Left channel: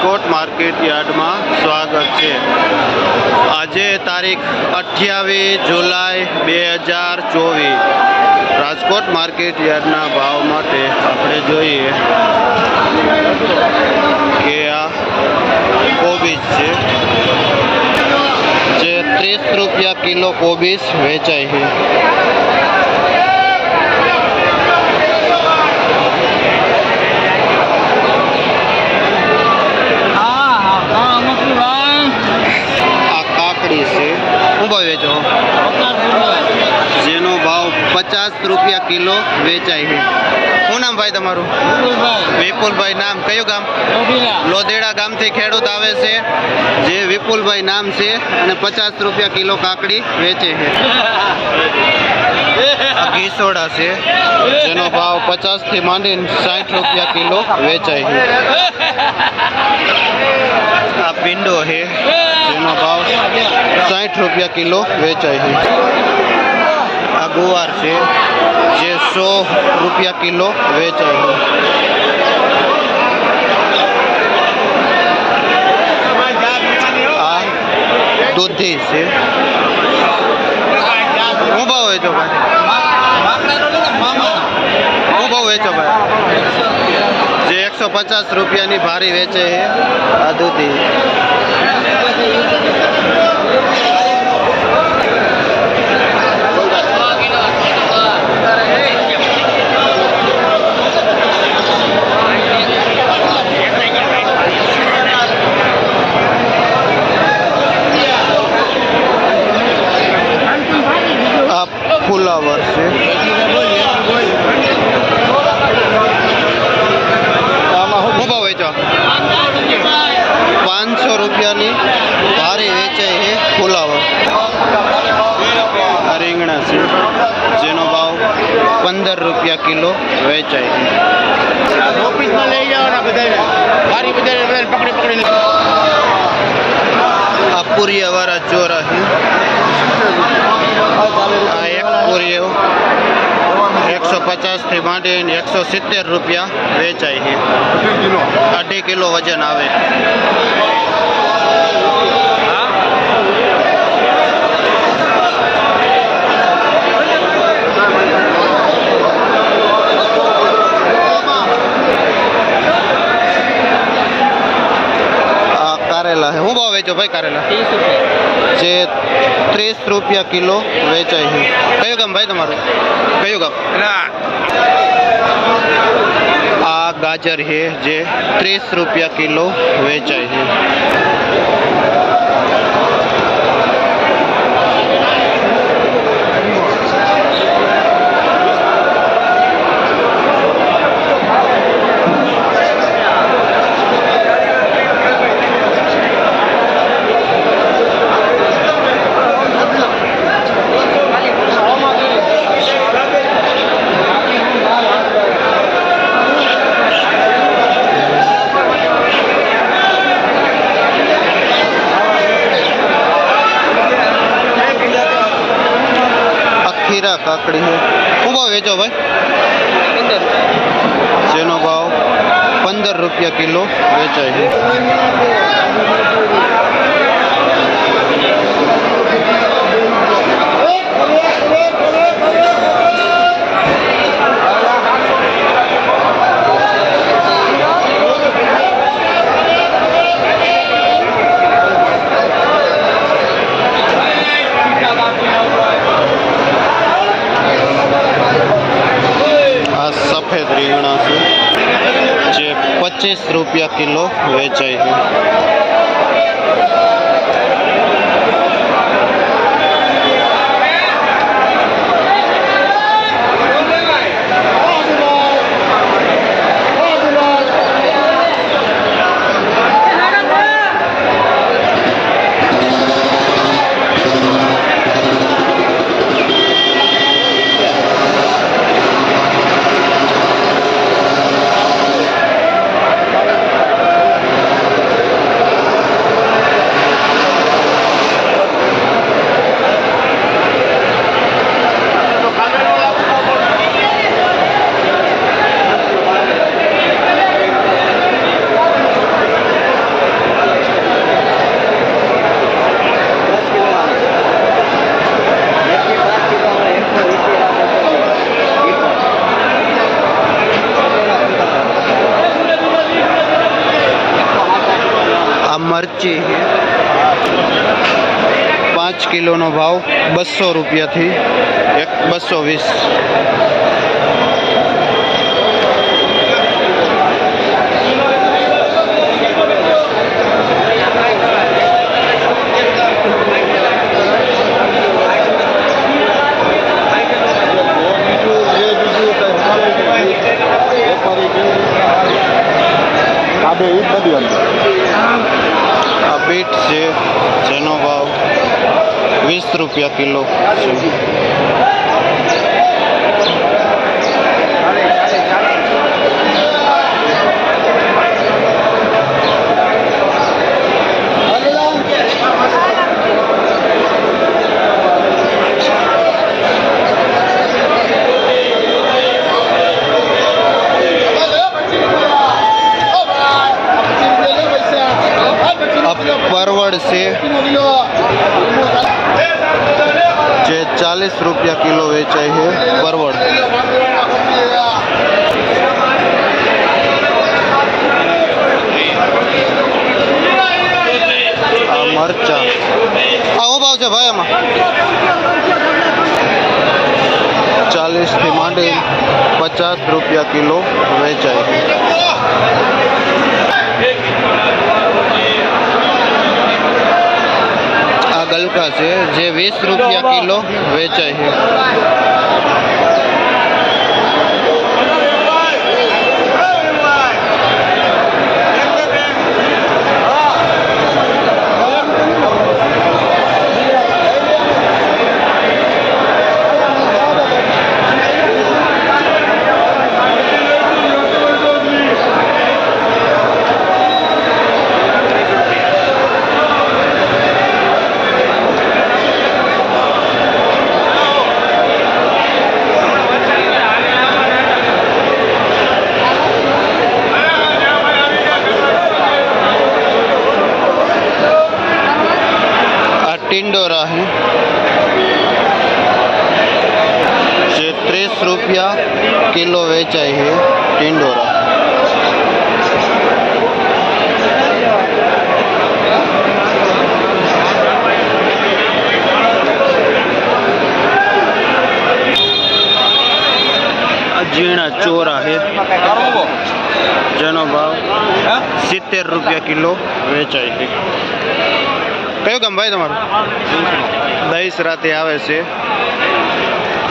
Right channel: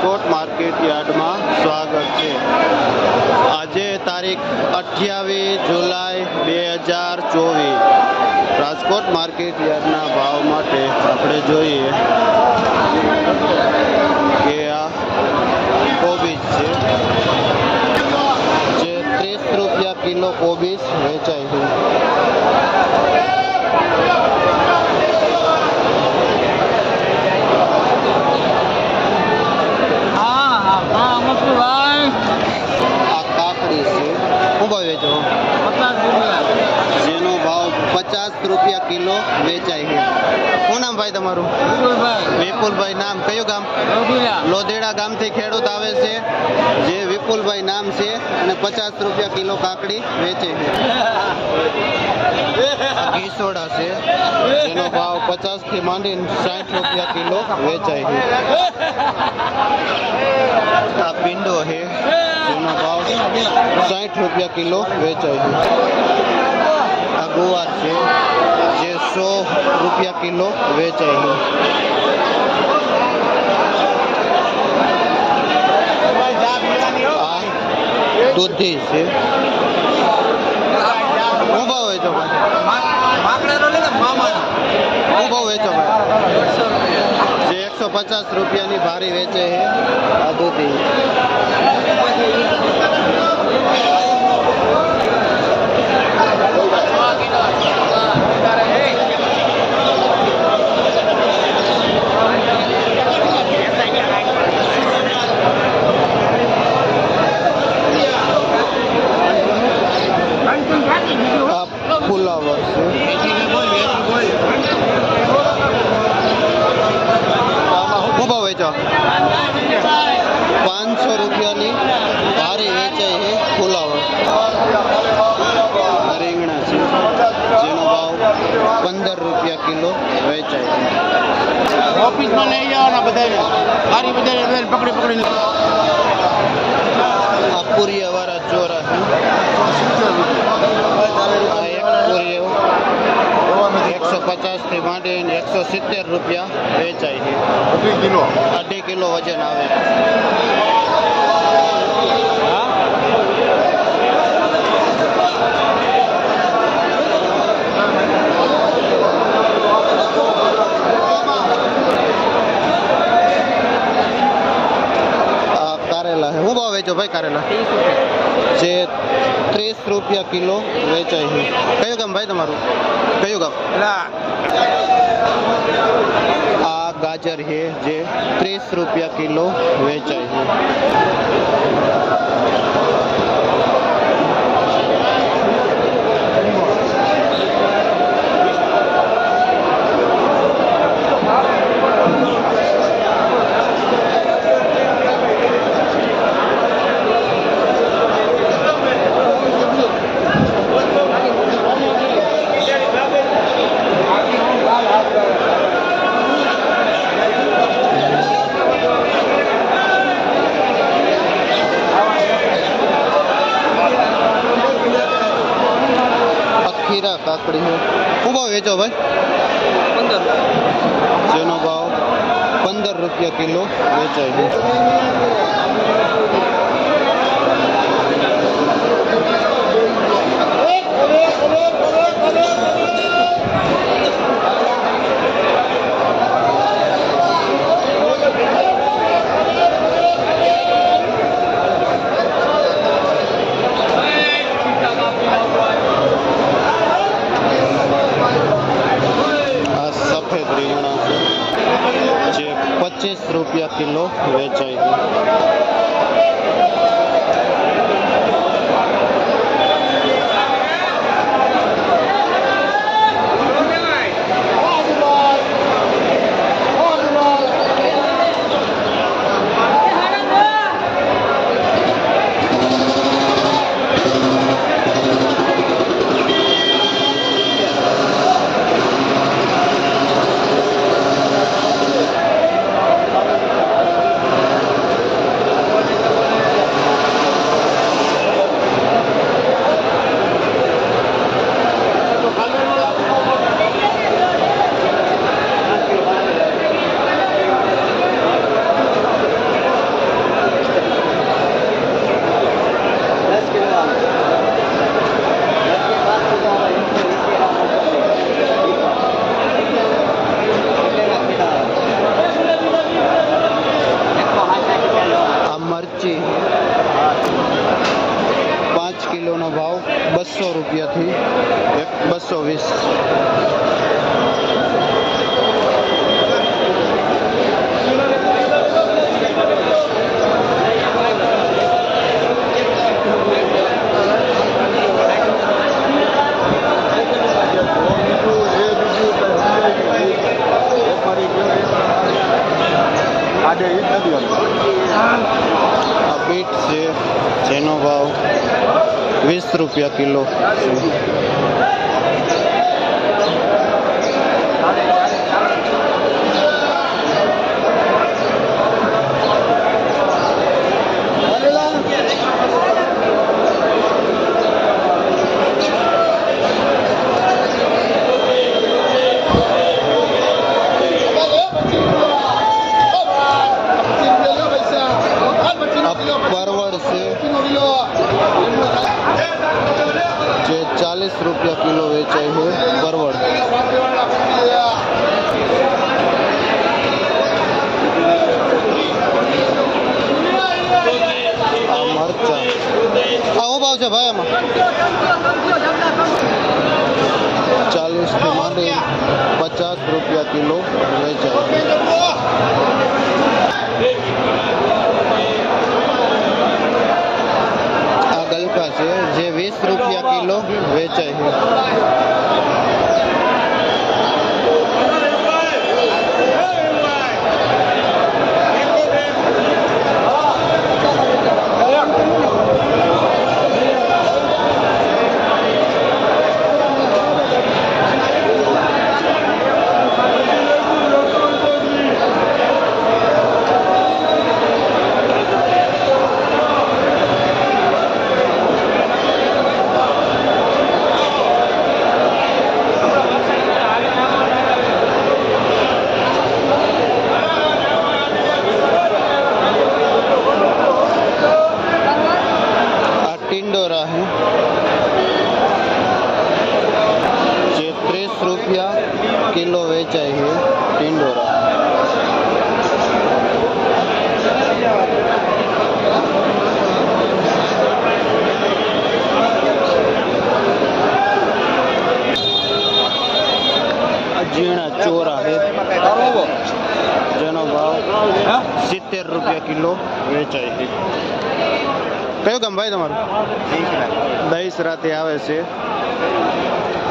રાજકોટ માર્કેટ યાર્ડમાં સ્વાગત છે। આજે તારીખ 28 જુલાઈ 2024 રાજકોટ માર્કેટ યાર્ડના ભાવ માટે આપણે જોઈએ કે આ કોબીજ છે જે 30 રૂપિયા કિલો કોબીજ વેચાય છે। वेचो जेनो भाव 50 रुपया किलो वेचाय है। શું નામ ભાઈ તમારું? વિપુલભાઈ। નામ કયું ગામ? લોધેડા ગામથી ખેડૂત આવે છે જે વિપુલભાઈ નામ છે અને 50 રૂપિયા કિલો કાકડી વેચે છે। આ ઘીસોડા છે જેનો ભાવ 50 થી માંડીને 60 રૂપિયા કિલો વેચાય છે। આ ભીંડો છે જેનો ભાવ 60 રૂપિયા કિલો વેચાય છે। આ ગુવાર છે જે 100 રૂપિયા કિલો વેચાય છે। આ દૂધી છે। શું ભાવ વેચો ભાઈ? શું ભાવ વેચો ભાઈ? જે 150 રૂપિયાની ભારી વેચે છે આ દૂધી। ફુલાવર છે આમાં શું ભાવ વેચો? 500 રૂપિયાની ભારી વેચાય છે ફુલાવર। આ રીંગણા છે જેનો ભાવ 15 રૂપિયા કિલો વેચાય છે। આ પૂરિયાવાળા ચોરા છે। આ એક પૂરીઓ 150 થી માંડીને 170 રૂપિયા વેચાય છે। 2.5 કિલો વજન આવે। આ કારેલા છે। શું ભાવ વેચો ભાઈ કારેલા? 30 રૂપિયા જે 30 રૂપિયા કિલો વેચાય છે। કયું ગામ ભાઈ તમારું? કયું ગામ? આ ગાજર છે જે 30 રૂપિયા કિલો વેચાય છે। खीरा काकड़ी है। શું ભાવ વેચો ભાઈ? 15 જેનો ભાવ 15 રૂપિયા કિલો વેચાય છે। સફેદ રીંગણા છે જે 25 રૂપિયા કિલો વેચાય છે। मरची है 5 किलो नो भाव 200 रुपया थी 220। आ बीट से जेनो भाव 20 रुपया किलो। परवड़ से जे 40 रुपया किलो वेचाई है परवड़। आ मरचा आओ भाव से भाई आमा 40 थी मांडे 50 रुपया किलो वेचाई है। गलका से जे 20 रुपया किलो वेचाई है। टिंडोरा है जे 30 रुपया किलो वेचाई है टिंडोरा। जीणा चोरा है जेनो भाव 70 रुपया किलो वेचाई है। कयो गाम भाई तमारू? दहीसराથી આવે છે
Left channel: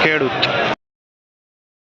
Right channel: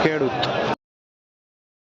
ખેડૂત।